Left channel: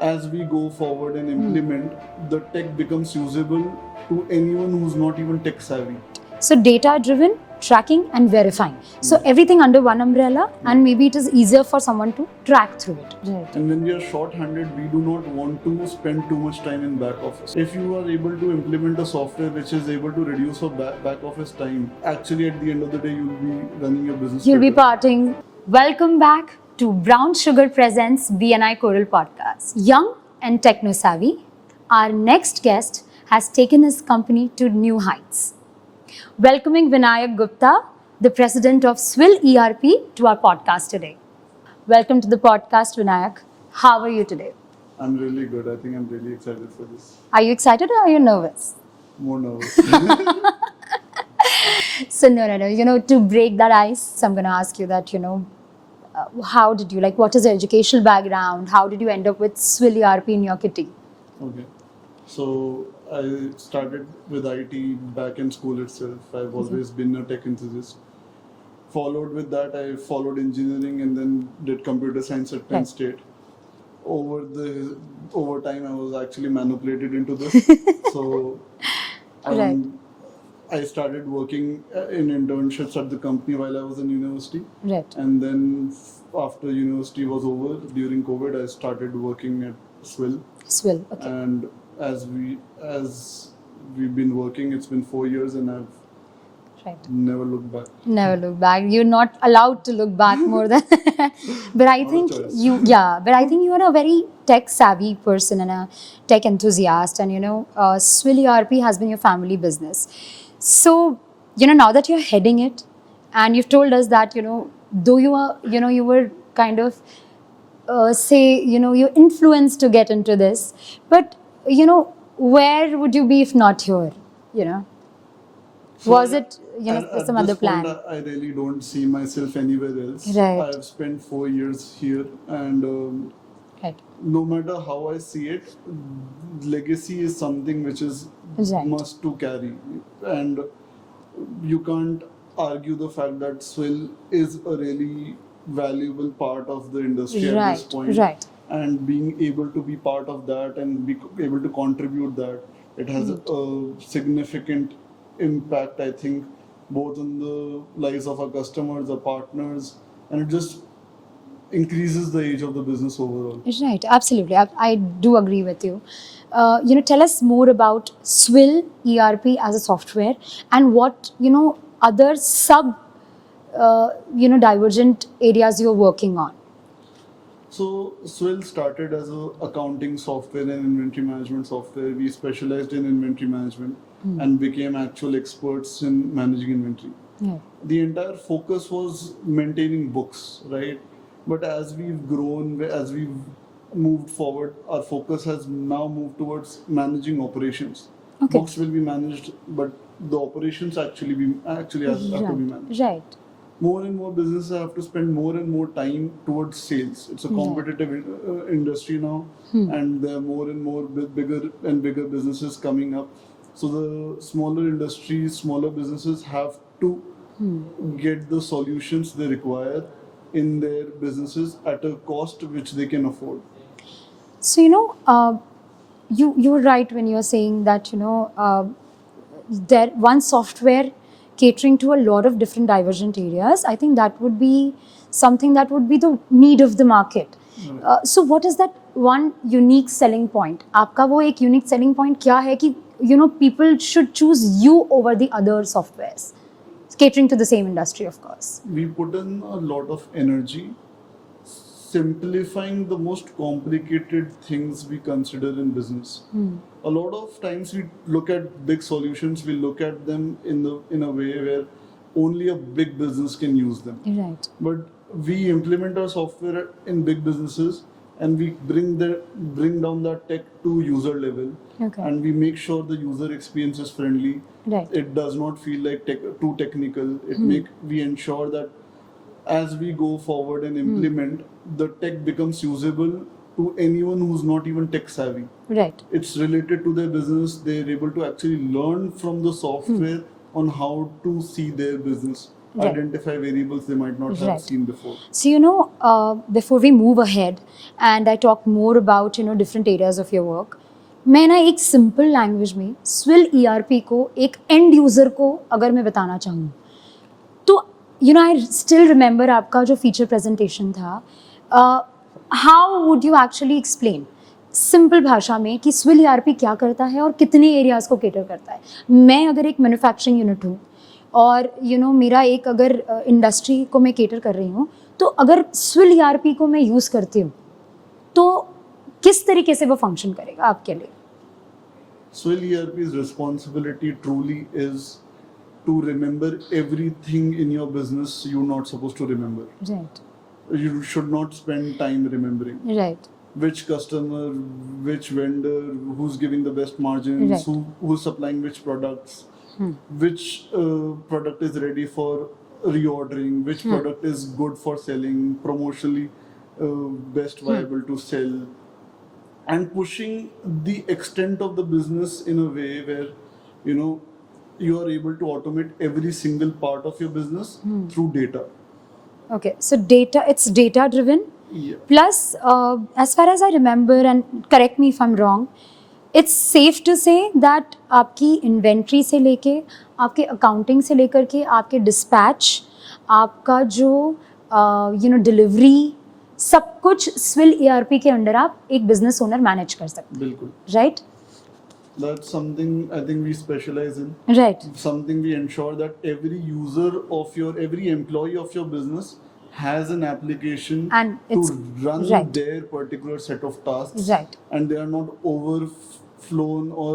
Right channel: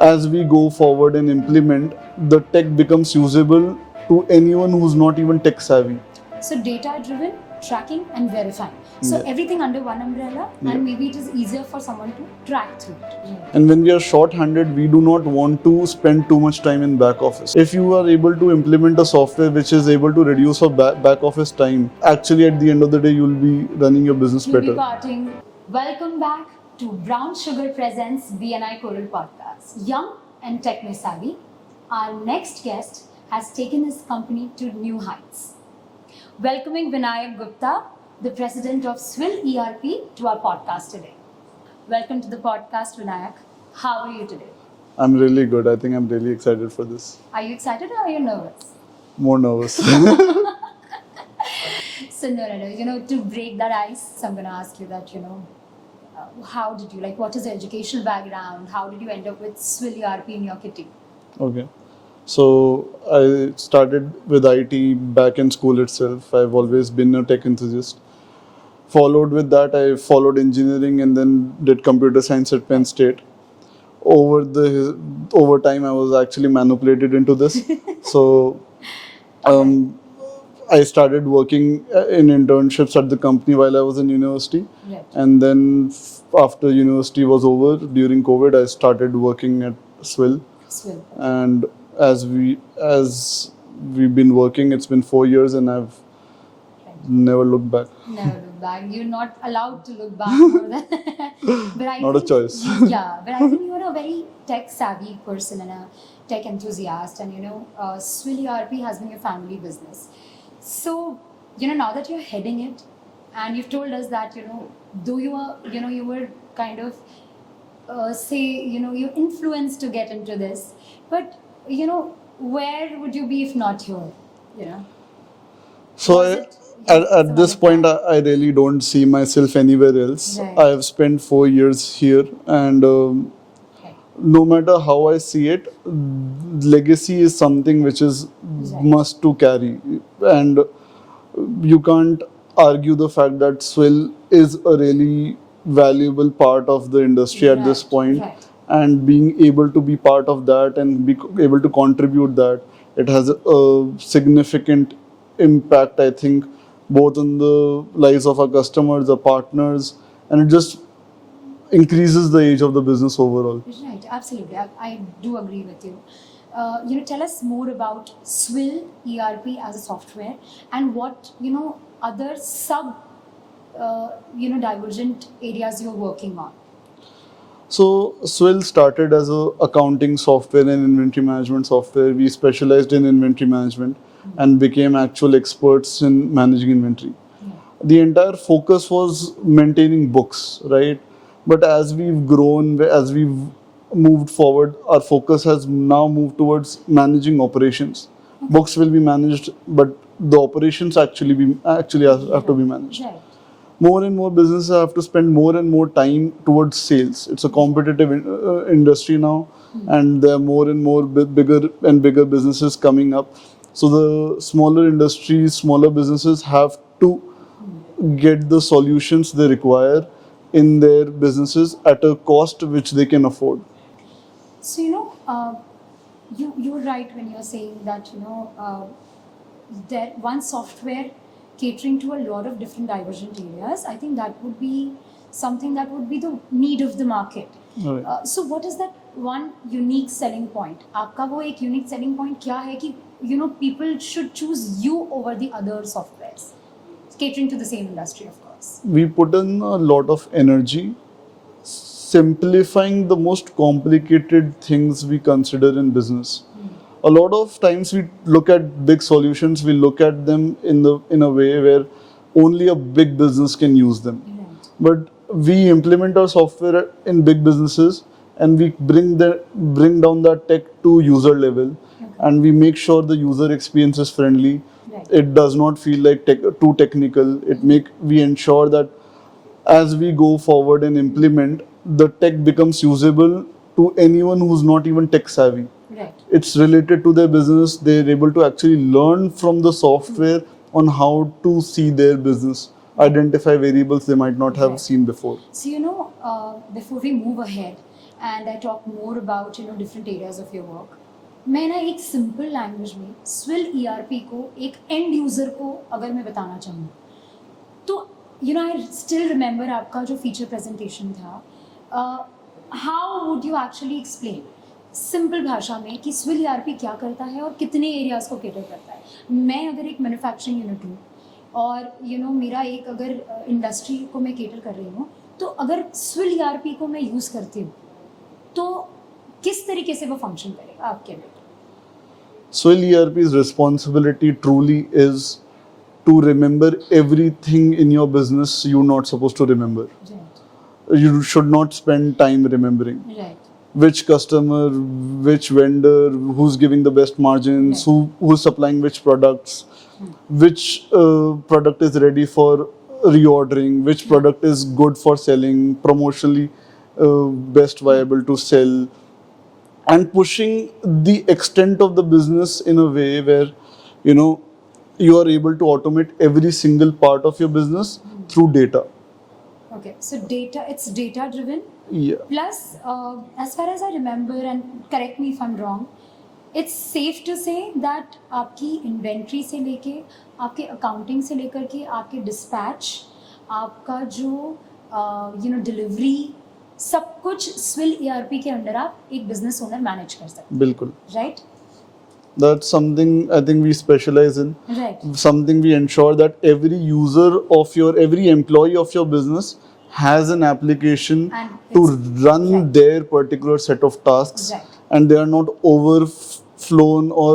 as we go forward and implement, the tech becomes usable to anyone who's not even tech savvy. So data-driven, tracking and verifying. So Yeah. everything under one umbrella, and maybe it is easier for someone to track through it. Right. And when we are short-handed, we do not want to spend too much time in back office. If you are able to implement a software which is able to reduce your back office time, actually at the end of the day, you'll be running your business You'll better. be parting. Welcome back to Brown Sugar Presents BNI Coral Podcast. Young and techno-savvy, our next guest has taken his company to new heights. Welcoming Vinayak Gupta, the president of Swill ERP, to our podcast today. Welcome to the podcast, Vinayak. How are you today? I'm really good. I think I'm really excited for this. Are you excited or are you nervous? More nervous. So no. To break that ice, so I'm going to ask you that, how did you, what is your educational background? How did you end up with Swill ERP in your kitty? Okay. So I started with IT back in school itself. I've always been a tech enthusiast. Followed with that, I followed engineering and then did computer science at Penn State. Over time, I was actually manipulated into this. So I started working in internships at the company while I was in university. Right. And then after university was over, during COVID, I started working at Swill. Swill. Okay. And as we've been working, it's been 4 years and I've never looked back. Never look back. You're not allowed to look back more than. But I Not think a choice. But I think you are a very tech savvy person and a tech enthusiast, and Swill ERP has been your family business. So now that you're heading it, and you've told us that though you were kind of you're influenced to get into this, but where would you be if not here? So Was it at some this other point, plan? I really don't see myself anywhere else. Right. I've spent 4 years here, and Right. no matter how I see it, legacy is something which is Right. must to carry, and you can't argue the fact that Swill is a really valuable part of the industry at this point. Right. And being able to be part of that and be able to contribute that, it has a significant impact, I think, both on the lives of our customers, our partners, and it just increases the age of the business overall. Right, absolutely. I do agree with you. Tell us more about Swill ERP as a software and what, other divergent areas you're working on. So Swill started as a accounting software and inventory management software. We specialized in inventory management and became actual experts in managing inventory. Yeah. The entire focus was maintaining books, right? But as we've grown, as we've moved forward, our focus has now moved towards managing operations. Okay. Books will be managed, but the operations have to be managed. Right. More and more businesses have to spend more and more time towards sales. It's a competitive industry now, and there are more and more bigger and bigger businesses coming up. So the smaller industries, smaller businesses have to get the solutions they require in their businesses at a cost which they can afford. So, you're right when you're saying that, there one software catering to a lot of different divergent areas. I think that would be something that would be the need of the market. Right. So what is that one unique selling point? आपका वो एक unique selling point क्या है कि people should choose you over the other softwares catering to the same industry, of course. We put in a lot of energy simplifying the most complicated things we consider in business. A lot of times we look at big solutions, we look at them in a way where only a big business can use them. Right. But we implement our software in big businesses and we bring down that tech to user level. Okay. And we make sure the user experience is friendly. Right. It does not feel like too technical. We ensure that as we go forward and implement, the tech becomes usable to anyone who's not even tech savvy. Right. It's related to their business. They're able to actually learn from the software on how to see their business identify variables they might not have Right. seen before. So, before we move ahead and I talk more about, different areas of your work, मैं ना एक simple language में swirl ERP को एक end user को अगर मैं बताना चाहूँ तो आई स्टिल रिमेंबर आपका जो फीचर प्रेजेंटेशन था, how would you actually explain simple भाषा में कि स्विल ERP क्या करता है और कितने एरियाज को केटर करता है. मैं अगर एक मैन्युफैक्चरिंग यूनिट हूँ और मेरा एक अगर इंडस्ट्री को मैं केटर कर रही हूँ, तो अगर स्विल ERP को मैं यूज़ करती हूँ तो किस तरीके से वो फंक्शन करेगा आपके लिए? Swell ERP's responsibility truly is to remember everything in your business you're not supposed to remember. Right. You should not spend time remembering Right. which customer, which vendor, who's giving the best margins, Right. who's supplying which products, which product is ready for reordering, which product is good for selling, promotionally best viable to sell, and pushing the extent of the business in a way where you are able to automate every single part of your business through data. Okay. So it's data driven. Yeah. Plus, as far as I remember, and correct me if I'm wrong, it's safe to say that आपकी inventory से लेके आपके accounting से लेकर के आपके dispatch, आपका जो डिलीवरी, सब कुछ स्विल ERP के अंडर आप एक बिजनेस ओनर मैनेज कर सकते बिल्कुल. हैं, right? That's something I think we specialize in. Right. Something we ensure that every employee of your business has an application And to it's- run right. their particular set of tasks, Right. and they are not overflown or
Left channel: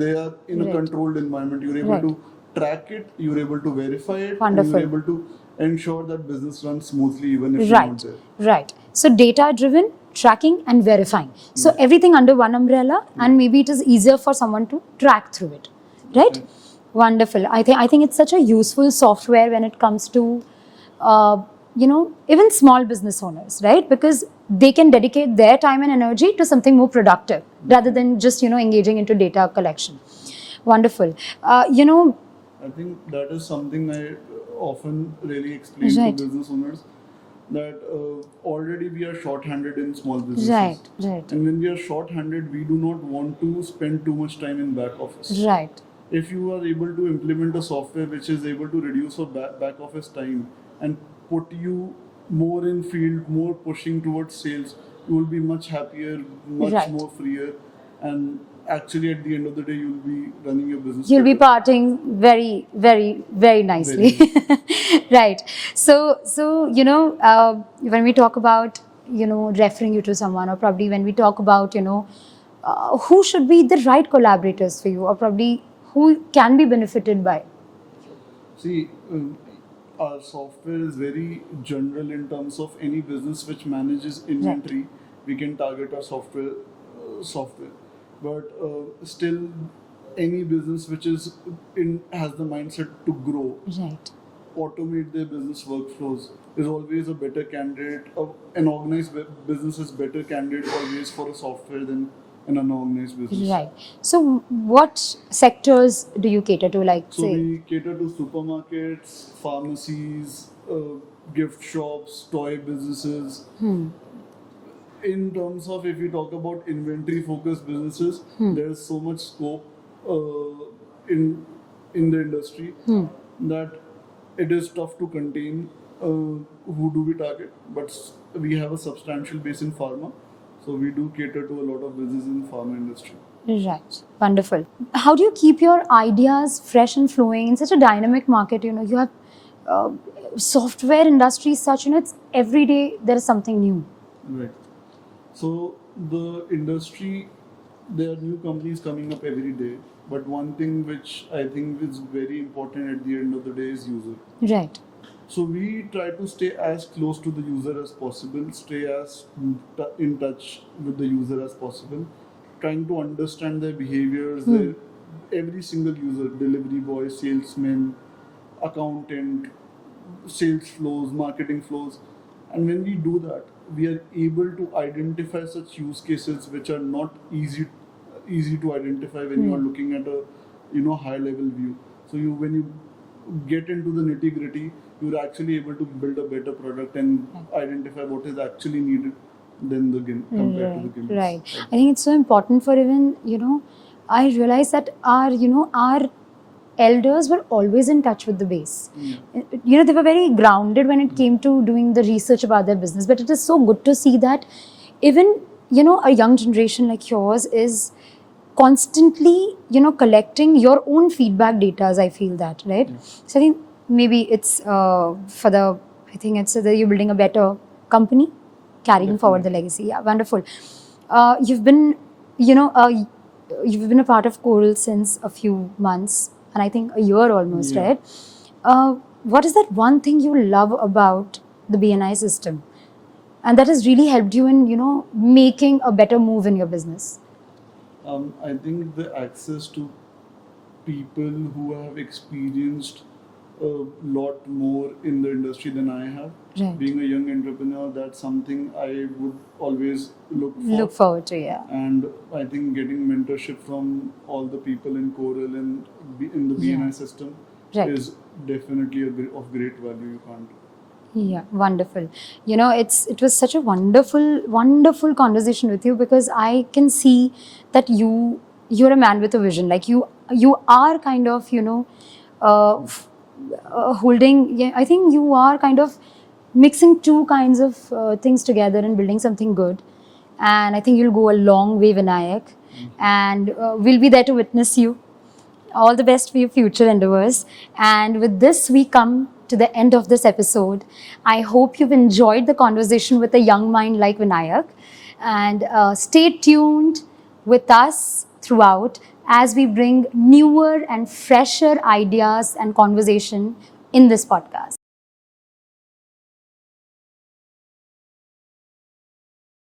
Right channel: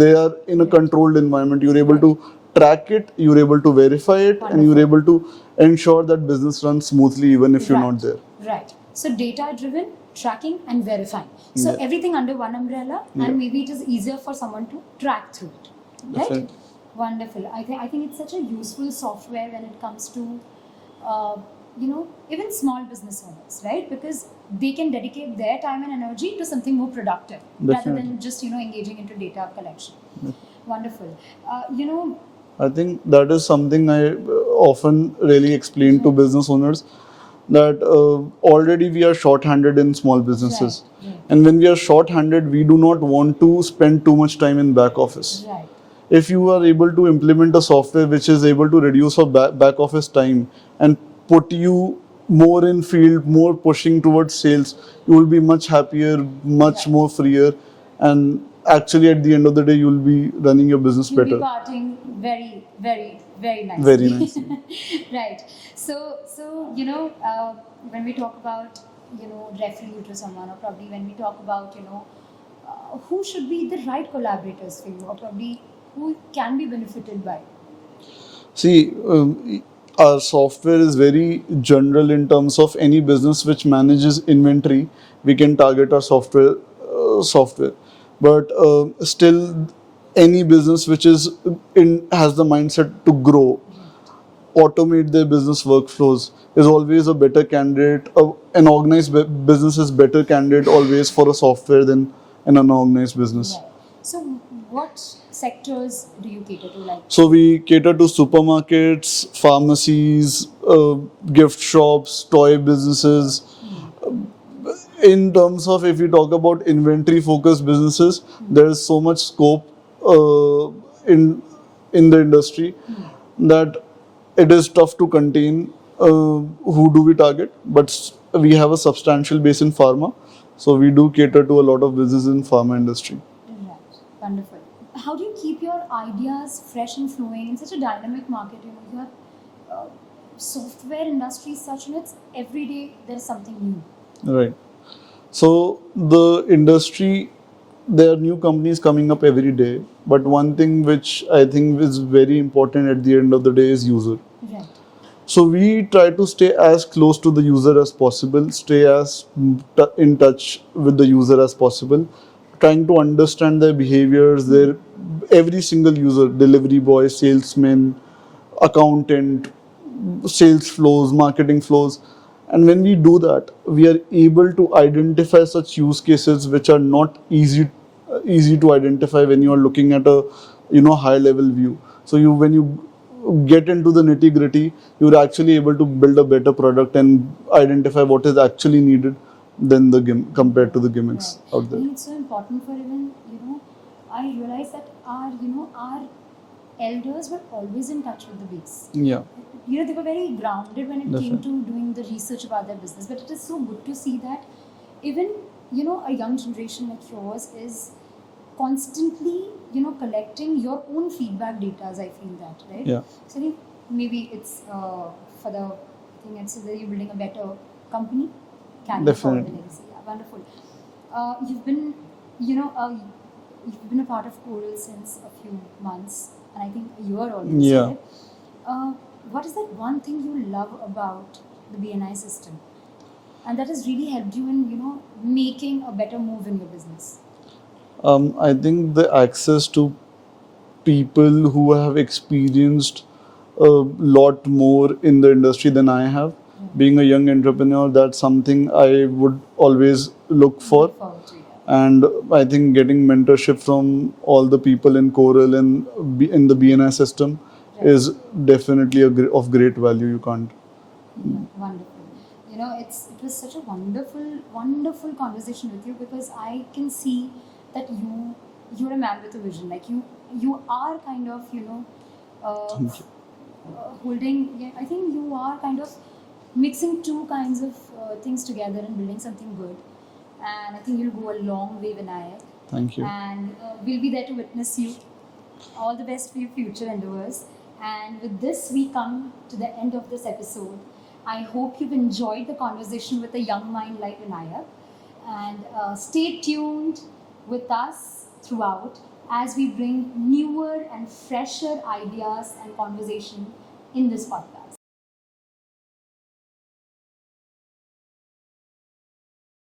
they are in a Right. controlled environment. You're able Right. to track it, you're able to verify it, and Wonderful. you're able to ensure that business runs smoothly even if you're not there. Right. So data driven, tracking and verifying. So Yeah. everything under one umbrella, and maybe it is easier for someone to track through it. Right? Right. Wonderful. I think it's such a useful software when it comes to even small business owners, right? Because they can dedicate their time and energy to something more productive rather than just engaging into data collection. Wonderful. I think that is something I often really explain to Right. business owners, that already we are short-handed in small businesses. Right. And when we are short-handed, we do not want to spend too much time in back office. Right. If you are able to implement a software which is able to reduce your back office time and put you more in field, more pushing towards sales, you will be much happier, much Right. more freer, and actually at the end of the day, you will be running your business You'll better. be parting very, very, very nicely. Very Right. So when we talk about referring you to someone, or probably when we talk about who should be the right collaborators for you, or probably who can be benefited by. See, our software is very general in terms of any business which manages inventory. We can target our software, but still, any business which has the mindset to grow, Right. automate their business workflows, is always a better candidate. An organized business is better candidate always for a software than an unorganized business. Right. So what sectors do you cater to? Like, So say- we cater to supermarkets, pharmacies, gift shops, toy businesses. In terms of, if we talk about inventory focused businesses, there is so much scope in the industry that it is tough to contain who do we target, but we have a substantial base in pharma, so we do cater to a lot of business in pharma industry. Right. Wonderful. How do you keep your ideas fresh and flowing in such a dynamic market? You have software industry such, it's every day there is something new. Right. So the industry, there are new companies coming up every day, but one thing which I think is very important at the end of the day is user. Right. So we try to stay as close to the user as possible, stay as in touch with the user as possible, trying to understand their behaviors, every single user, delivery boy, salesman, accountant, sales flows, marketing flows. And when we do that, we are able to identify such use cases which are not easy to identify when you are looking at a high level view. So when you get into the nitty gritty, you're actually able to build a better product and identify what is actually needed than the compared to the gimmicks. Right. out I there. think it's so important for even, I realize that our elders were always in touch with the base. Yeah. They were very grounded when it came to doing the research about their business. But it is so good to see that even, a young generation like yours is constantly, collecting your own feedback data, as I feel that, right? Yeah. So I think maybe it's I think it's that you're building a better company, carrying forward the Definitely. legacy. Yeah, wonderful. You've been, you've been a part of Coral since a few months, and I think a year almost, Yeah. right? What is that one thing you love about the BNI system, and that has really helped you in, making a better move in your business? I think the access to people who have experienced a lot more in the industry than I have. Right. Being a young entrepreneur, that's something I would always look for. Look forward to, yeah. And I think getting mentorship from all the people in Coral and in the BNI system Right. is definitely of great value. You can't. Yeah, wonderful. It was such a wonderful conversation with you, because I can see that you're a man with a vision. Like you are kind of holding. Yeah, I think you are kind of mixing two kinds of things together and building something good. And I think you'll go a long way, Vinayak. Thank you. And we'll be there to witness you. All the best for your future endeavors. And with this, we come to the end of this episode. I hope you've enjoyed the conversation with a young mind like Vinayak. And stay tuned with us throughout as we bring newer and fresher ideas and conversation in this podcast.